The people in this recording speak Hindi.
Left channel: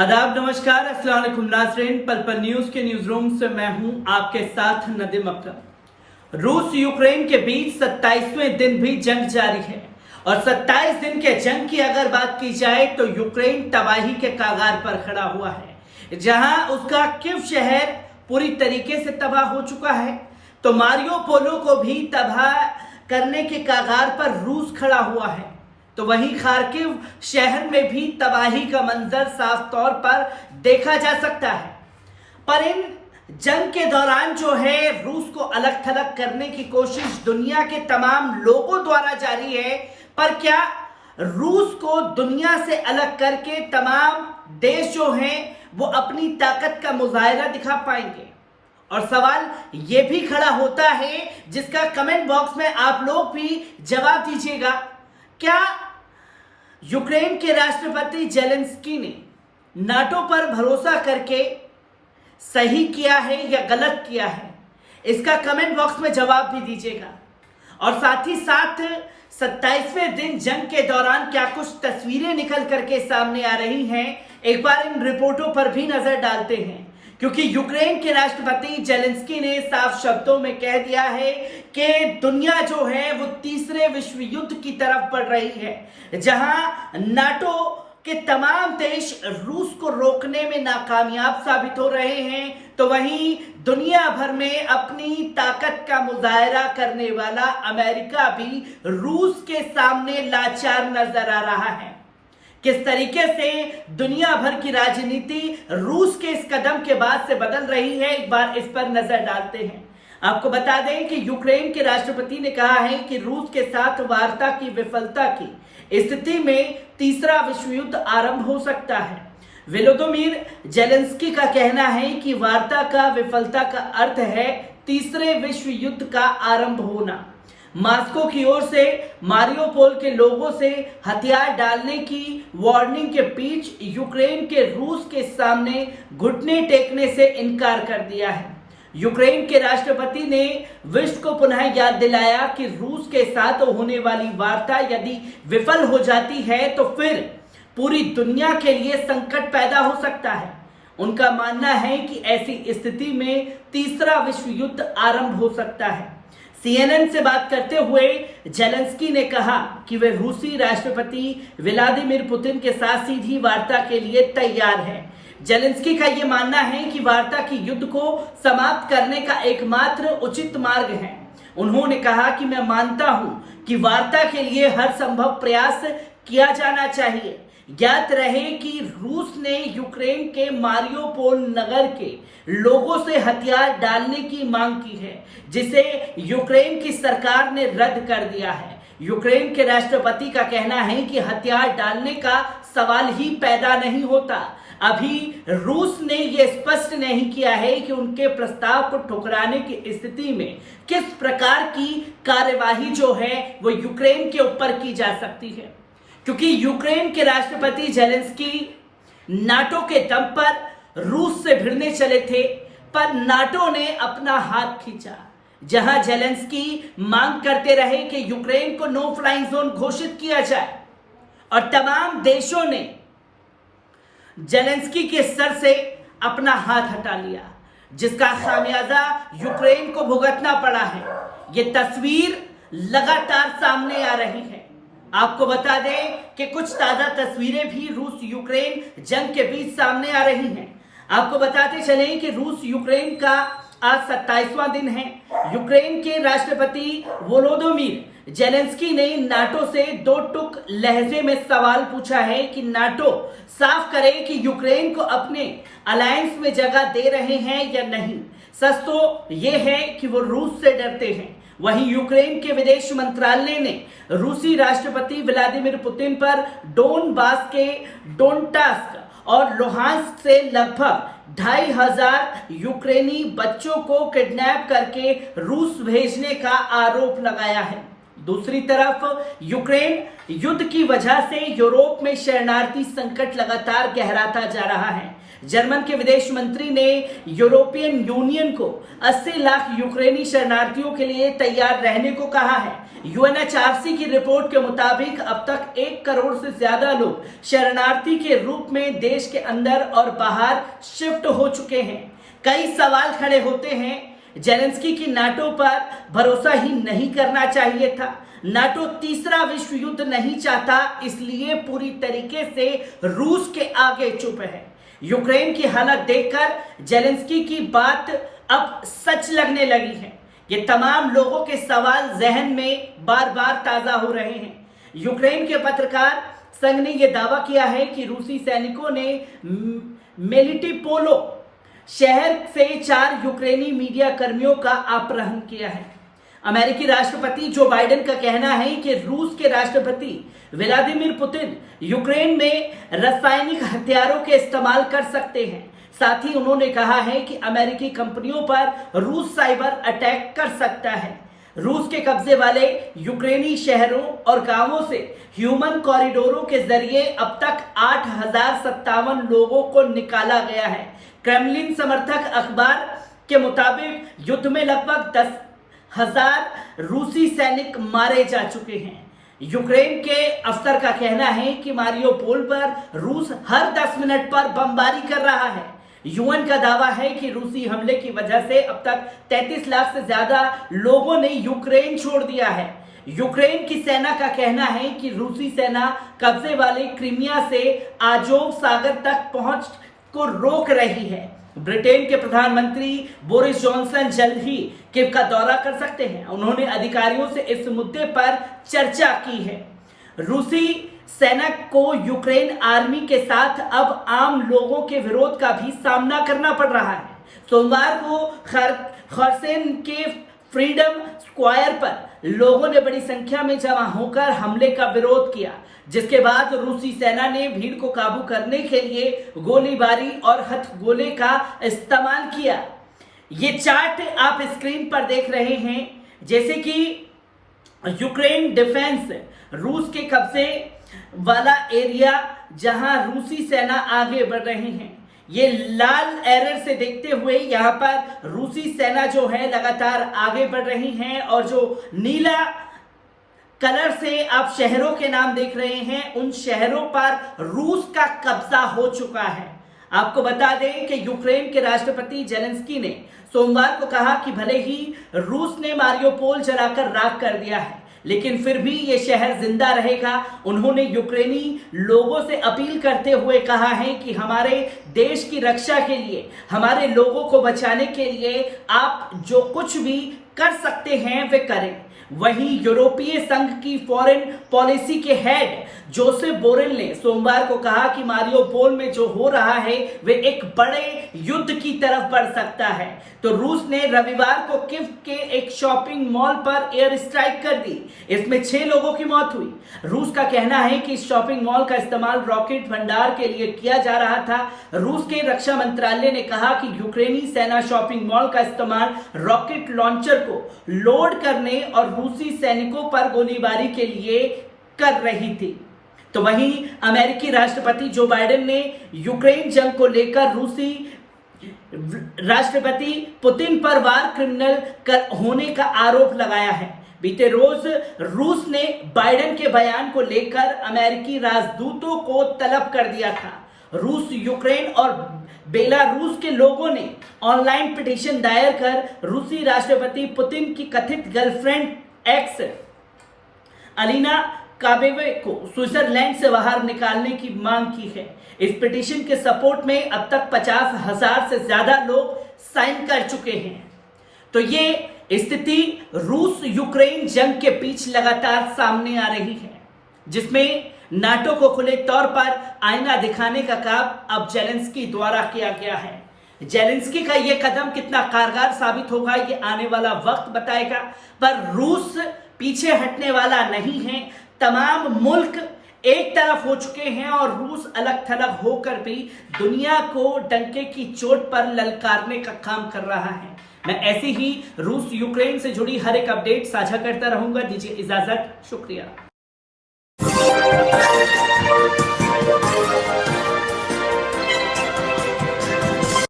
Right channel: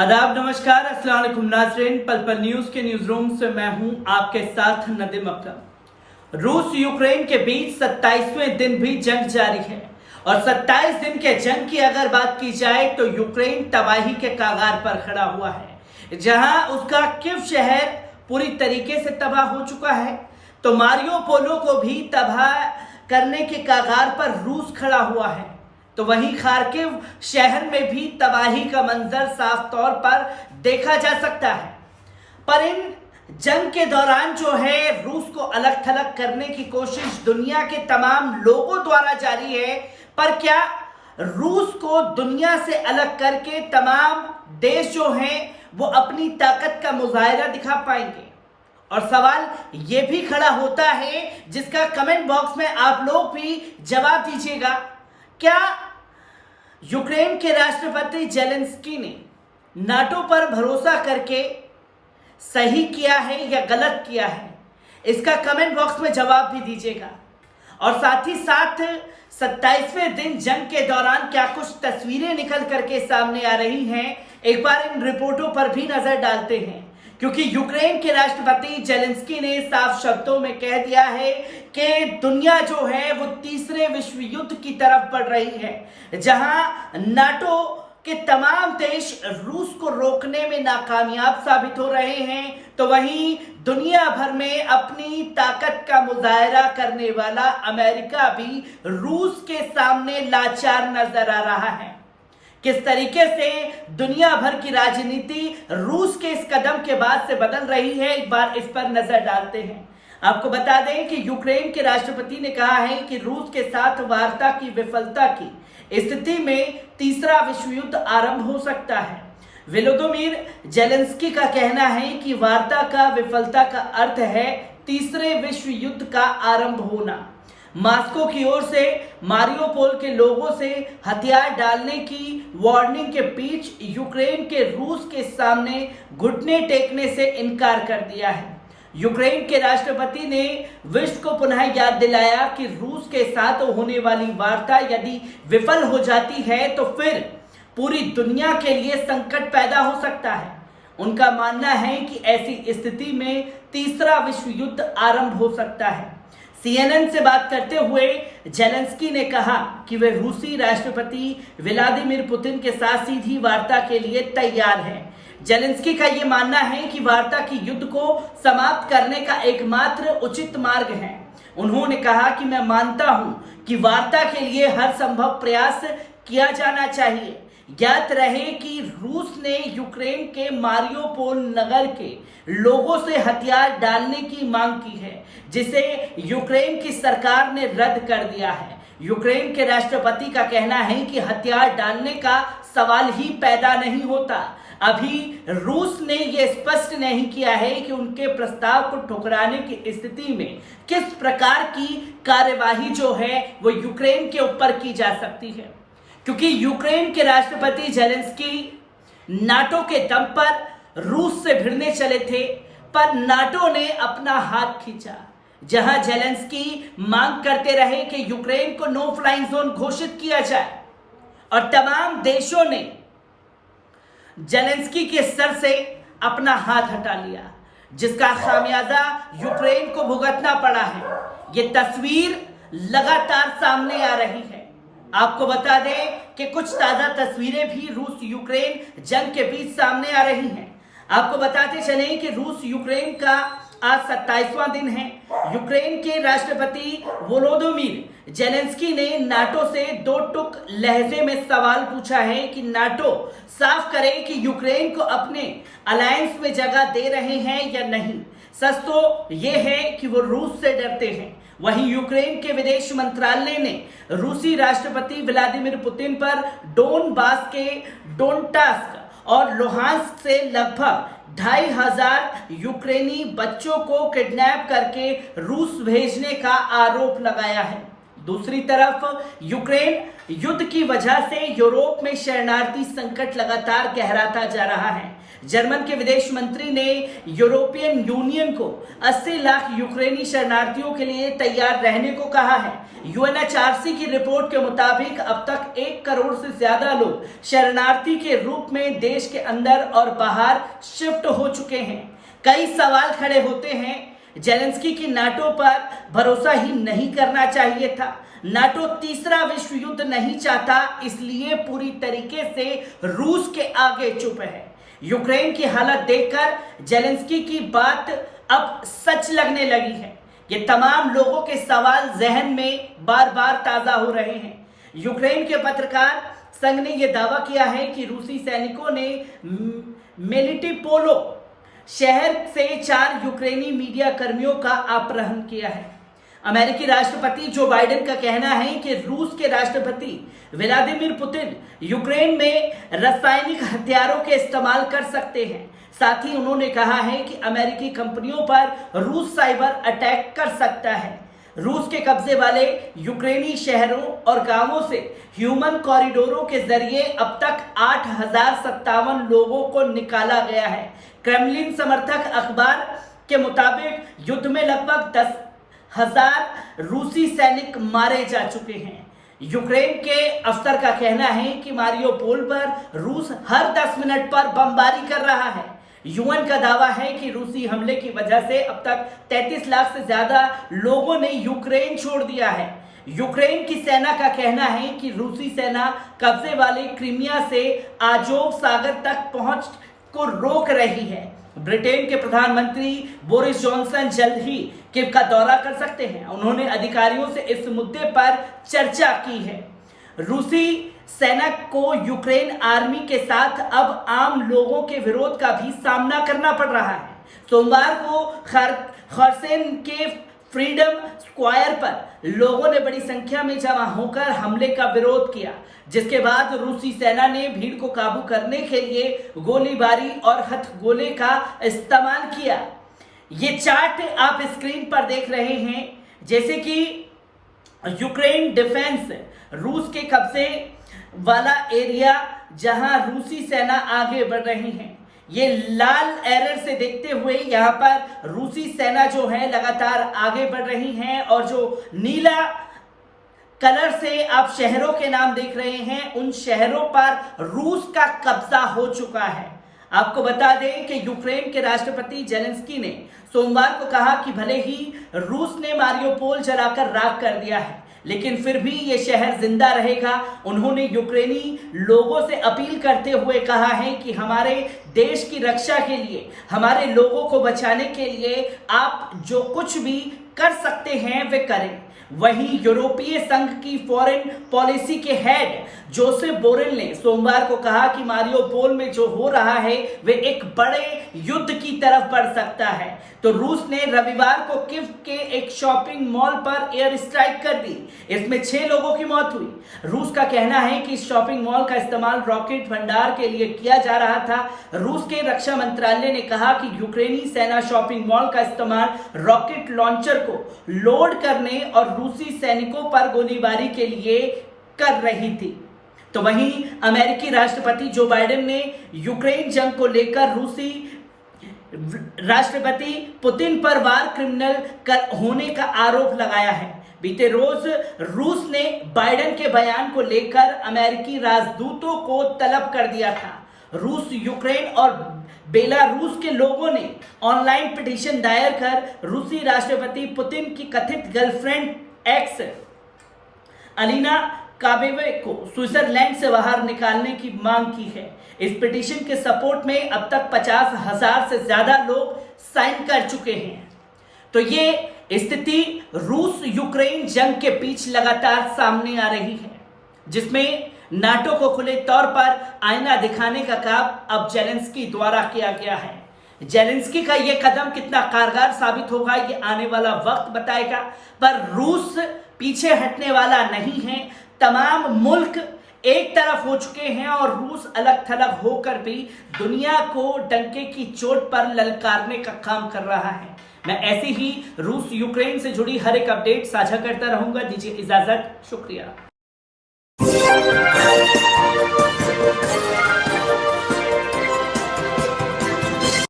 आदाब, नमस्कार, अस्सलाम वालेकुम नाज़रीन। पल पल न्यूज के न्यूज रूम से मैं हूं आपके साथ नदीम अख्तर। रूस यूक्रेन के बीच 27वें दिन भी जंग जारी है और 27 दिन के जंग की अगर बात की जाए तो यूक्रेन तबाही के कागार पर खड़ा हुआ है, जहां उसका कीव शहर पूरी तरीके से तबाह हो चुका है तो मारियोपोल को भी तबाह करने के कागार पर रूस खड़ा हुआ है। तो वहीं खार्किव शहर में भी तबाही का मंजर साफ तौर पर देखा जा सकता है। पर इन जंग के दौरान जो है रूस को अलग थलग करने की कोशिश दुनिया के तमाम लोगों द्वारा जारी है। पर क्या रूस को दुनिया से अलग करके तमाम देश जो हैं वो अपनी ताकत का मुजाहिरा दिखा पाएंगे? और सवाल ये भी खड़ा होता है जिसका कमेंट बॉक्स में आप लोग भी जवाब दीजिएगा। क्या यूक्रेन के राष्ट्रपति जेलेंस्की ने नाटो पर भरोसा करके सही किया है या गलत किया है? इसका कमेंट बॉक्स में जवाब भी दीजिएगा। और साथ ही साथ 27वें दिन जंग के दौरान क्या कुछ तस्वीरें निकल करके सामने आ रही हैं, एक बार इन रिपोर्टों पर भी नजर डालते हैं। क्योंकि यूक्रेन के राष्ट्रपति जेलेंस्की ने साफ शब्दों में कह दिया है कि दुनिया जो है वो तीसरे विश्व युद्ध की तरफ बढ़ रही है, जहां नाटो के तमाम देश रूस को रोकने में नाकामयाब साबित हो रहे हैं, तो वहीं दुनिया भर में अपनी ताकत का मुजाहिरा करने वाला अमेरिका भी रूस के सामने लाचार नजर आ रहा है। किस तरीके से दुनिया भर की राजनीति रूस के इस कदम के बाद से बदल रही है, एक बार इस पर नजर डालते हैं। आपको बता दें कि यूक्रेन के राष्ट्रपति ने कहा है कि रूस के साथ वार्ता की विफलता की स्थिति में तीसरा विश्व युद्ध आरंभ हो सकता है। वोलोदिमीर जेलेंस्की का कहना है कि वार्ता का विफलता का अर्थ है तीसरे विश्व युद्ध का आरंभ होना। मॉस्को की ओर से मारियोपोल के लोगों से हथियार डालने की वार्निंग के बीच यूक्रेन के रूस के सामने घुटने टेकने से इनकार कर दिया है। यूक्रेन के राष्ट्रपति ने विश्व को पुनः याद दिलाया कि रूस के साथ होने वाली वार्ता यदि विफल हो जाती है तो फिर पूरी दुनिया के लिए संकट पैदा हो सकता है। उनका मानना है कि ऐसी स्थिति में तीसरा विश्व युद्ध आरंभ हो सकता है। CNN से बात करते हुए जेलेंस्की ने कहा कि वे रूसी राष्ट्रपति व्लादिमीर पुतिन के साथ सीधी वार्ता के लिए तैयार हैं। जेलेंस्की का यह मानना है कि वार्ता की युद्ध को समाप्त करने का एकमात्र उचित मार्ग है। उन्होंने कहा कि मैं मानता हूं कि वार्ता के लिए हर संभव प्रयास किया जाना चाहिए। ज्ञात रहे कि रूस ने यूक्रेन के मारियोपोल नगर के लोगों से हथियार डालने की मांग की है, जिसे यूक्रेन की सरकार ने रद्द कर दिया है। यूक्रेन के राष्ट्रपति का कहना है कि हथियार डालने का सवाल ही पैदा नहीं होता। अभी रूस ने यह स्पष्ट नहीं किया है कि उनके प्रस्ताव को ठुकराने की स्थिति में किस प्रकार की कार्यवाही जो है वो यूक्रेन के ऊपर की जा सकती है। क्योंकि यूक्रेन के राष्ट्रपति जेलेंस्की नाटो के दम पर रूस से भिड़ने चले थे, पर नाटो ने अपना हाथ खींचा। जहां जेलेंस्की मांग करते रहे कि यूक्रेन को नो फ्लाइंग जोन घोषित किया जाए और तमाम देशों ने जेलेंस्की के सर से अपना हाथ हटा लिया, जिसका खामियाजा यूक्रेन को भुगतना पड़ा है। यह तस्वीर लगातार सामने आ रही है। आपको बता दें कि कुछ ताजा तस्वीरें भी रूस यूक्रेन जंग के बीच सामने आ रही हैं। आपको बताते चलें कि रूस यूक्रेन का आज 27वां दिन है। यूक्रेन के राष्ट्रपति वोलोदिमीर जेलेंस्की ने नाटो से दो टुक लहजे में सवाल पूछा है कि नाटो साफ करे कि यूक्रेन को अपने अलायंस में जगह दे रहे हैं या नहीं। सच तो यह है कि वो रूस से डरते हैं। वहीं यूक्रेन के विदेश मंत्रालय ने रूसी राष्ट्रपति व्लादिमीर पुतिन पर डोनबास के डोनेट्स्क और लुहांस्क से लगभग 2500 यूक्रेनी बच्चों को किडनैप करके रूस भेजने का आरोप लगाया है। दूसरी तरफ यूक्रेन युद्ध की वजह से यूरोप में शरणार्थी संकट लगातार गहराता जा रहा है। जर्मन के विदेश मंत्री ने यूरोपियन यूनियन को 80 लाख यूक्रेनी शरणार्थियों के लिए तैयार रहने को कहा है। यूएनएचआरसी की रिपोर्ट के मुताबिक अब तक 1 करोड़ से ज्यादा लोग शरणार्थी के रूप में देश के अंदर और बाहर शिफ्ट हो चुके हैं। कई सवाल खड़े होते हैं। जेलेंस्की की नाटो पर भरोसा ही नहीं करना चाहिए था। नाटो तीसरा विश्व युद्ध नहीं चाहता, इसलिए पूरी तरीके से रूस के आगे चुप है। यूक्रेन की हालत देखकर जेलेंस्की की बात अब सच लगने लगी है। ये तमाम लोगों के सवाल जहन में बार बार ताजा हो रहे हैं। यूक्रेन के पत्रकार संघ ने यह दावा किया है कि रूसी सैनिकों ने मेलिटोपोल शहर से 4 यूक्रेनी मीडिया कर्मियों का अपहरण किया है। अमेरिकी राष्ट्रपति जो बाइडेन का कहना है कि रूस के राष्ट्रपति व्लादिमीर पुतिन यूक्रेन में रासायनिक हथियारों के इस्तेमाल कर सकते हैं। साथ ही उन्होंने कहा है कि अमेरिकी कंपनियों पर रूस साइबर अटैक कर सकता है। रूस के कब्जे वाले यूक्रेनी शहरों और गांवों से ह्यूमन कॉरिडोरों के जरिए अब तक 8,057 लोगों को निकाला गया है। क्रेमलिन समर्थक अखबार के मुताबिक युद्ध में लगभग 10,000 रूसी सैनिक मारे जा चुके हैं। यूक्रेन के अफसर का कहना है कि मारियोपोल पर रूस हर 10 मिनट पर बमबारी कर रहा है। यूएन का दावा है कि रूसी हमले की वजह से अब तक 33 लाख से ज्यादा लोगों ने यूक्रेन छोड़ दिया है। यूक्रेन की सेना का कहना है कि रूसी सेना कब्जे वाले क्रीमिया से आजोव सागर तक पहुंच को रोक रही है। ब्रिटेन के प्रधानमंत्री बोरिस जॉनसन जल्द ही कीव का दौरा कर सकते हैं। उन्होंने अधिकारियों से इस मुद्दे पर चर्चा की है। रूसी सेना को यूक्रेन आर्मी के साथ अब आम लोगों के विरोध का भी सामना करना पड़ रहा है। सोमवार को खरसेन के फ्रीडम स्क्वायर पर लोगों ने बड़ी संख्या में जमा होकर हमले का विरोध किया, जिसके बाद रूसी सेना ने भीड़ को काबू करने के लिए गोलीबारी और हथगोले का इस्तेमाल किया। ये चार्ट आप स्क्रीन पर देख रहे हैं, जैसे कि यूक्रेन डिफेंस रूस के कब्जे वाला एरिया जहां रूसी सेना आगे बढ़ रही है। ये लाल एरर से देखते हुए यहाँ पर रूसी सेना जो है लगातार आगे बढ़ रही है, और जो नीला कलर से आप शहरों के नाम देख रहे हैं, उन शहरों पर रूस का कब्जा हो चुका है। आपको बता दें कि यूक्रेन के राष्ट्रपति जेलेंस्की ने सोमवार को कहा कि भले ही रूस ने मारियोपोल जलाकर राख कर दिया है, लेकिन फिर भी ये शहर जिंदा रहेगा। उन्होंने यूक्रेनी लोगों से अपील करते हुए कहा है कि हमारे देश की रक्षा के लिए, हमारे लोगों को बचाने के लिए आप जो कुछ भी कर सकते हैं वे करें। वहीं यूरोपीय संघ की फॉरेन पॉलिसी के हेड जोसेफ बोरेल ने सोमवार को कहा कि मारियोपोल में जो हो रहा है वे एक बड़े युद्ध की तरफ बढ़ सकता है। तो रूस ने रविवार को कीव के एक शॉपिंग मॉल पर एयर स्ट्राइक कर दी। इसमें 6 लोगों की मौत हुई। रूस का कहना है कि इस शॉपिंग मॉल का इस्तेमाल रॉकेट भंडार के लिए किया जा रहा था। रूस के रक्षा मंत्रालय ने कहा कि यूक्रेनी सेना शॉपिंग मॉल का इस्तेमाल रॉकेट लॉन्चर को लोड करने और रूसी सैनिकों पर गोलीबारी के लिए कर रही थी। तो वहीं अमेरिकी राष्ट्रपति जो बाइडेन ने यूक्रेन जंग को लेकर रूसी राष्ट्रपति पुतिन पर वार क्रिमिनल होने का आरोप लगाया है। बीते रोज रूस ने बाइडेन के बयान को लेकर अमेरिकी राजदूतों को तलब कर दिया था। रूस, यूक्रेन और बेलारूस के लोगों ने ऑनलाइन पिटीशन दायर कर रूसी राष्ट्रपति पुतिन की कथित गर्लफ्रेंड एक्स अलीना काबेवे को स्विट्जरलैंड से बाहर निकालने की मांग की है। इस पिटीशन के सपोर्ट में अब तक 50,000 से ज्यादा लोग साइन कर चुके हैं। तो ये स्थिति रूस यूक्रेन जंग के बीच लगातार सामने आ रही है, जिसमें नाटो को खुले तौर पर आईना दिखाने का काम अब जेलेंस्की द्वारा किया गया है। जेलेंस्की का यह कदम कितना कारगर साबित होगा ये आने वाला वक्त बताएगा, पर रूस पीछे हटने वाला नहीं है। तमाम मुल्क एक तरफ हो चुके हैं और रूस अलग थलग होकर भी दुनिया को डंके की चोट पर ललकारने का काम कर रहा है। मैं ऐसी ही रूस यूक्रेन से जुड़ी हर एक अपडेट साझा करता रहूंगा। दीजिए इजाजत, शुक्रिया।